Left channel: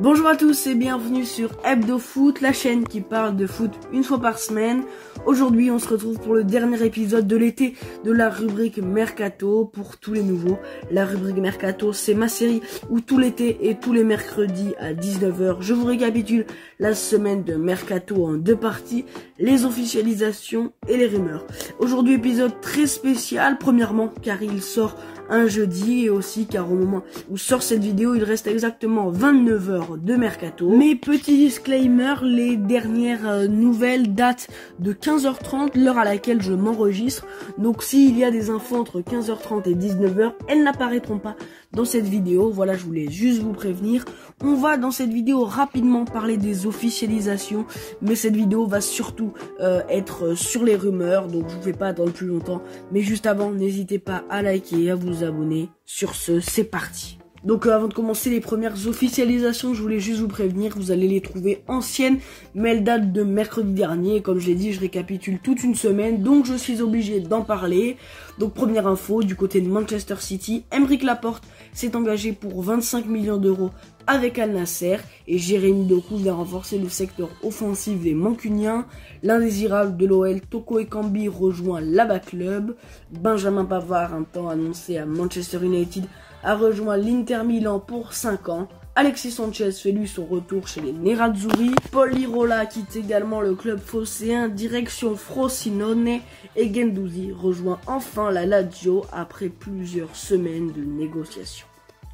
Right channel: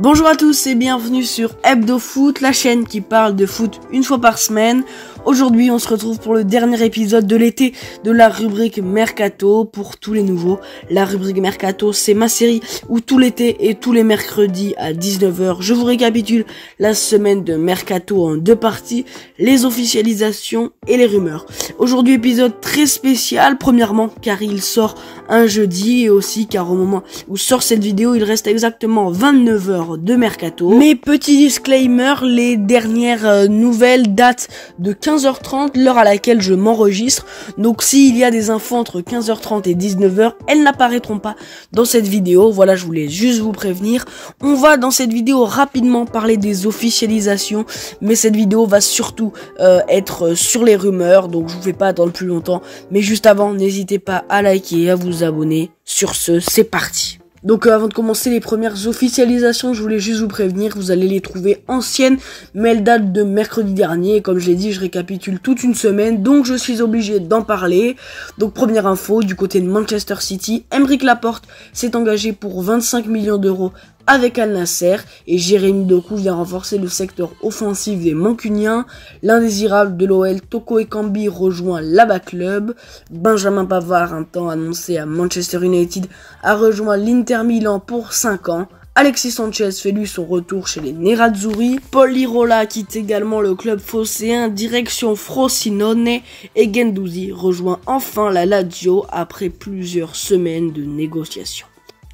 Bonjour à tous et bienvenue sur Hebdo Foot, la chaîne qui parle de foot une fois par semaine. Aujourd'hui, on se retrouve pour le dernier épisode de l'été de la rubrique Mercato. Pour tous les nouveaux, la rubrique Mercato, c'est ma série où tout l'été et tous les mercredis à 19h, je vous récapitule la semaine de Mercato en deux parties, les officialisations et les rumeurs. Aujourd'hui, épisode très spécial, premièrement car il sort un jeudi et aussi car au moment où sort cette vidéo, il reste exactement 29h de Mercato. Mais petit disclaimer, les dernières nouvelles datent de 15h30, l'heure à laquelle je m'enregistre. Donc s'il y a des infos entre 15h30 et 19h, elles n'apparaîtront pas dans cette vidéo. Voilà, je voulais juste vous prévenir. On va dans cette vidéo rapidement parler des officialisations, mais cette vidéo va surtout être sur les rumeurs, donc je vous fais pas attendre plus longtemps. Mais juste avant, n'hésitez pas à liker et à vous abonner. Sur ce, c'est parti. Donc avant de commencer les premières officialisations, je voulais juste vous prévenir, vous allez les trouver anciennes, mais elles datent de mercredi dernier, et comme je l'ai dit, je récapitule toute une semaine, donc je suis obligé d'en parler. Donc première info, du côté de Manchester City, Aymeric Laporte s'est engagé pour 25 millions d'euros avec Al Nasser, et Jérémy Doku vient renforcer le secteur offensif des Mancuniens. L'indésirable de l'OL, Toko Ekambi, rejoint l'ABA Club. Benjamin Pavard, un temps annoncé à Manchester United, a rejoint l'Inter Milan pour 5 ans. Alexis Sanchez fait lui son retour chez les Nerazzurri. Paul Lirola quitte également le club phocéen, direction Frosinone, et Guendouzi rejoint enfin la Lazio après plusieurs semaines de négociations.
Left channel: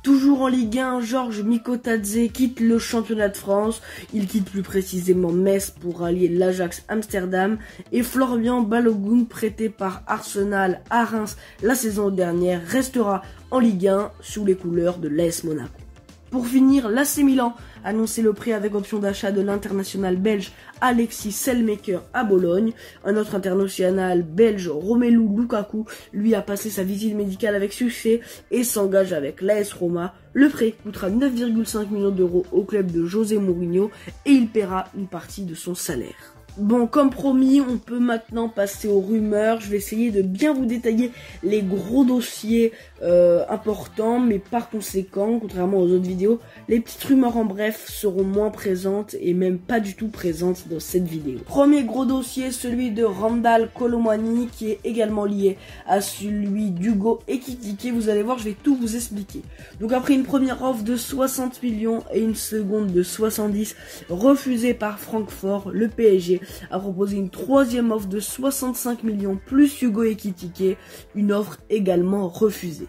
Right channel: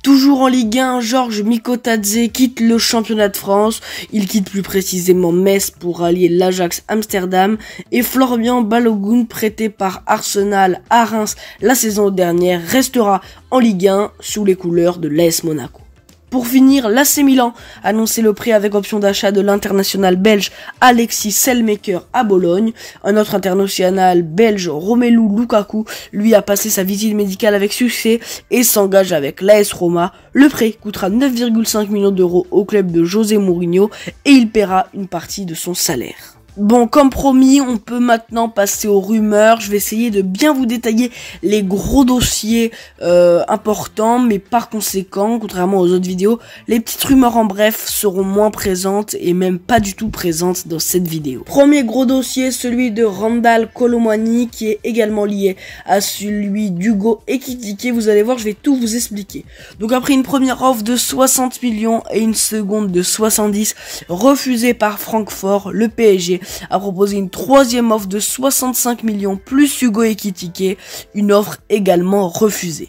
Toujours en Ligue 1, Georges Mikotadze quitte le championnat de France. Il quitte plus précisément Metz pour allier l'Ajax Amsterdam. Et Florian Balogun, prêté par Arsenal à Reims la saison dernière, restera en Ligue 1 sous les couleurs de l'AS Monaco. Pour finir, l'AC Milan a annoncé le prêt avec option d'achat de l'international belge Alexis Selmaker à Bologne. Un autre international belge, Romelu Lukaku, lui a passé sa visite médicale avec succès et s'engage avec l'AS Roma. Le prêt coûtera 9,5 millions d'euros au club de José Mourinho et il paiera une partie de son salaire. Bon, comme promis, on peut maintenant passer aux rumeurs. Je vais essayer de bien vous détailler les gros dossiers importants, mais par conséquent, contrairement aux autres vidéos, les petites rumeurs en bref seront moins présentes et même pas du tout présentes dans cette vidéo. Premier gros dossier, celui de Randal Kolo Muani, qui est également lié à celui d'Hugo Ekitike. Vous allez voir, je vais tout vous expliquer. Donc après une première offre de 60 millions et une seconde de 70, refusée par Francfort, le PSG a proposé une troisième offre de 65 millions plus Hugo Ekitike, une offre également refusée.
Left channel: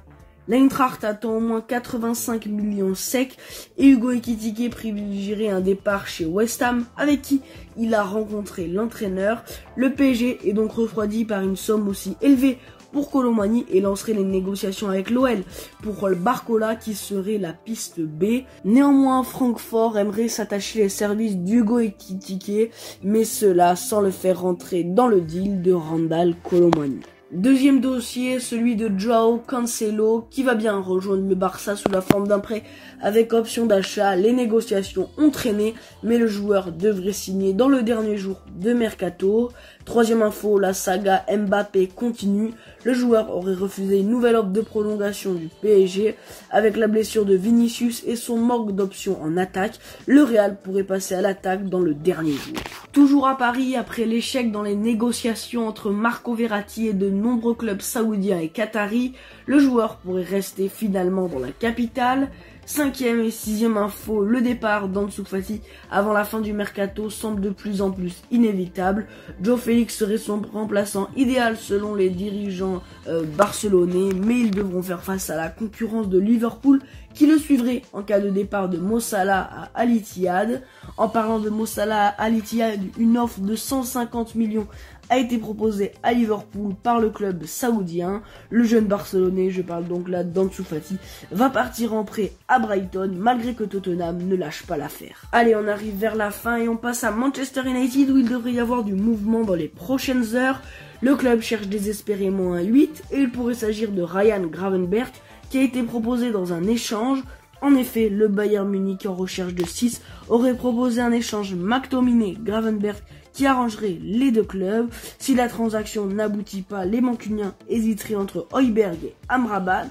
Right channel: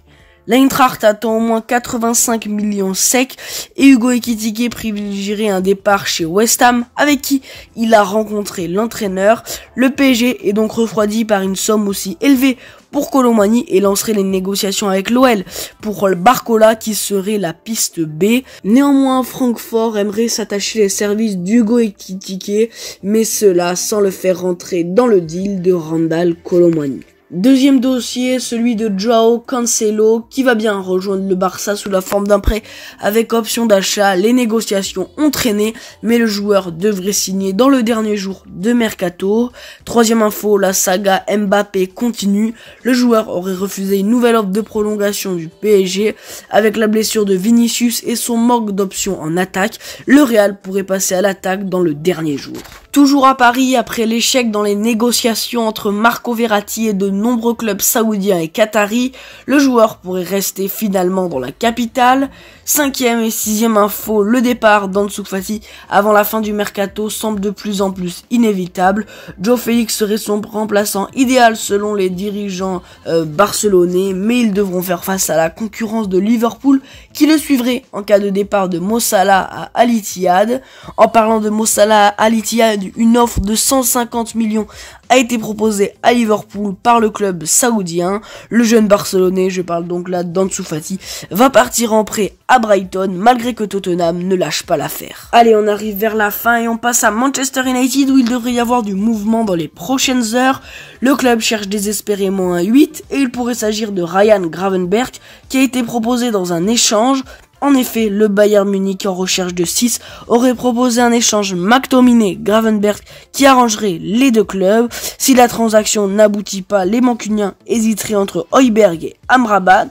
L'Eintracht attend au moins 85 millions secs et Hugo Ekitike privilégierait un départ chez West Ham avec qui il a rencontré l'entraîneur. Le PSG est donc refroidi par une somme aussi élevée pour Kolo Muani et lancerait les négociations avec l'OL pour Barcola qui serait la piste B. Néanmoins, Francfort aimerait s'attacher les services d'Hugo Ekitike, mais cela sans le faire rentrer dans le deal de Randal Kolo Muani. Deuxième dossier, celui de Joao Cancelo, qui va bien rejoindre le Barça sous la forme d'un prêt avec option d'achat. Les négociations ont traîné, mais le joueur devrait signer dans le dernier jour de Mercato. Troisième info, la saga Mbappé continue. Le joueur aurait refusé une nouvelle offre de prolongation du PSG. Avec la blessure de Vinicius et son manque d'options en attaque, le Real pourrait passer à l'attaque dans le dernier jour. Toujours à Paris, après l'échec dans les négociations entre Marco Verratti et de nombreux clubs saoudiens et qataris, le joueur pourrait rester finalement dans la capitale. Cinquième et sixième info, le départ d'Ansu Fati avant la fin du mercato semble de plus en plus inévitable. João Félix serait son remplaçant idéal selon les dirigeants barcelonais, mais ils devront faire face à la concurrence de Liverpool qui le suivrait en cas de départ de Mo Salah à Al Ittihad. En parlant de Mo Salah à Al Ittihad, une offre de 150 millions a été proposée à Liverpool par le club saoudien. Le jeune Barcelonais, je parle donc là d'Ansu Fati, va partir en prêt à Brighton malgré que Tottenham ne lâche pas l'affaire. Allez, on arrive vers la fin et on passe à Manchester United où il devrait y avoir du mouvement dans les prochaines heures. Le club cherche désespérément un 8 et il pourrait s'agir de Ryan Gravenberch qui a été proposé dans un échange. En effet, le Bayern Munich en recherche de 6 aurait proposé un échange McTominay-Gravenberch qui arrangerait les deux clubs. Si la transaction n'aboutit pas, les Mancuniens hésiteraient entre Højbjerg et Amrabat.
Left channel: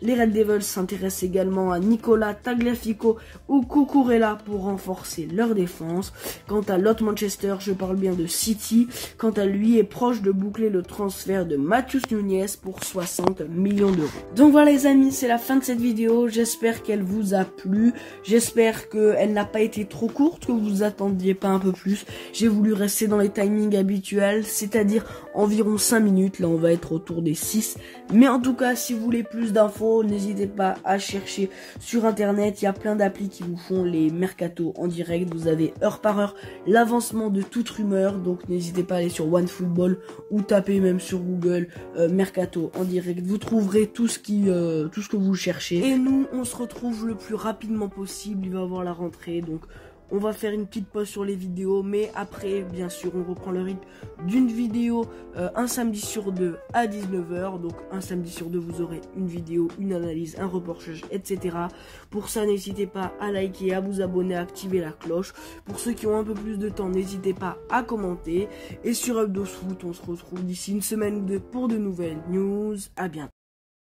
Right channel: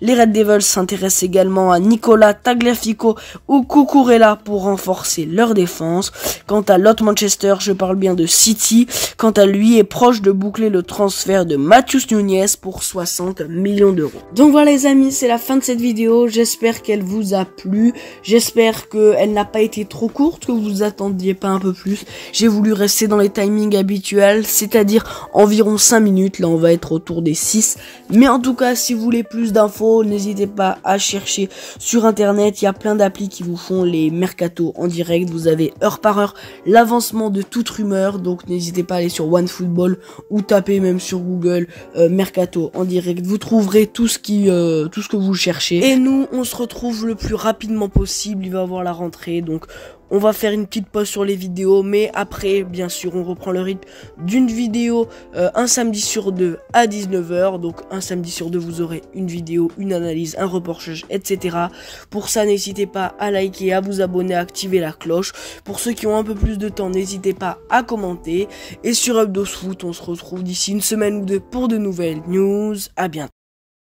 Les Red Devils s'intéressent également à Nicola Tagliafico ou Cucurella pour renforcer leur défense. Quant à l'autre Manchester, je parle bien de City. Quant à lui, est proche de boucler le transfert de Matheus Nunes pour 60 millions d'euros. Donc voilà les amis, c'est la fin de cette vidéo. J'espère qu'elle vous a plu. J'espère qu'elle n'a pas été trop courte, que vous attendiez pas un peu plus. J'ai voulu rester dans les timings habituels, c'est-à-dire environ 5 minutes. Là, on va être autour des 6. Mais en tout cas, si vous voulez plus d'infos, n'hésitez pas à chercher sur internet. Il y a plein d'applis qui vous font les mercatos en direct. Vous avez heure par heure l'avancement de toute rumeur. Donc n'hésitez pas à aller sur OneFootball ou taper même sur Google mercato en direct. Vous trouverez tout ce que vous cherchez. Et nous, on se retrouve le plus rapidement possible. Il va y avoir la rentrée, donc on va faire une petite pause sur les vidéos, mais après, bien sûr, on reprend le rythme d'une vidéo un samedi sur deux à 19 h. Donc, un samedi sur deux, vous aurez une vidéo, une analyse, un reportage, etc. Pour ça, n'hésitez pas à liker, à vous abonner, à activer la cloche. Pour ceux qui ont un peu plus de temps, n'hésitez pas à commenter. Et sur Hebdos Foot, on se retrouve d'ici une semaine ou deux pour de nouvelles news. À bientôt.